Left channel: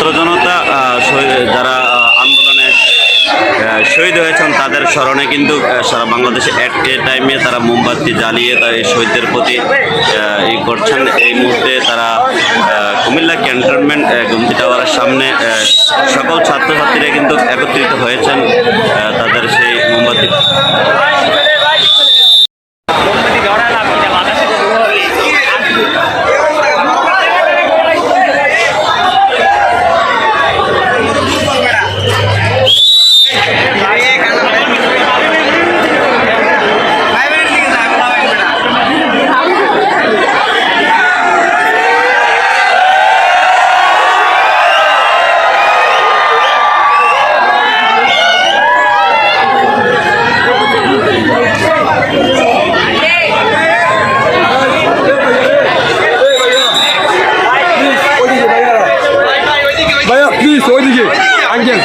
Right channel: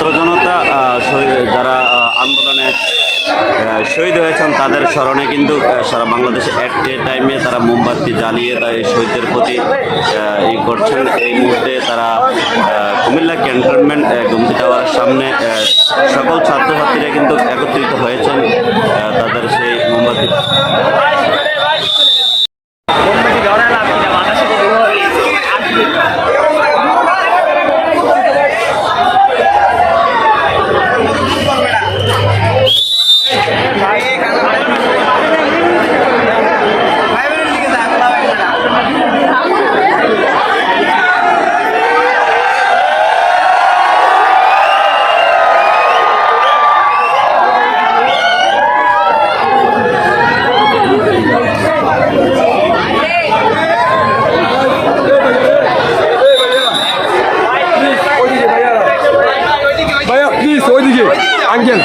ছাত্র জনতা যারা আন্দোলনে শহীদ হয়েছেন, তাদের স্মরণে কিন্তু সারা বাংলাদেশে এক টাইমে তারা মোমবাতি জ্বালিয়ে তার এই শহীদদের প্রতি ই করছেন। এই মুহূর্তে তারা কুমিল্লা ক্যান্টনমেন্ট গুমতি টাওয়ারের সামনে সকল ছাত্রছাত্রীরা কিন্তু একত্রিত হয়েছেন তাদের সেই মোমবাতি ওইদিকে আঙ্কেল।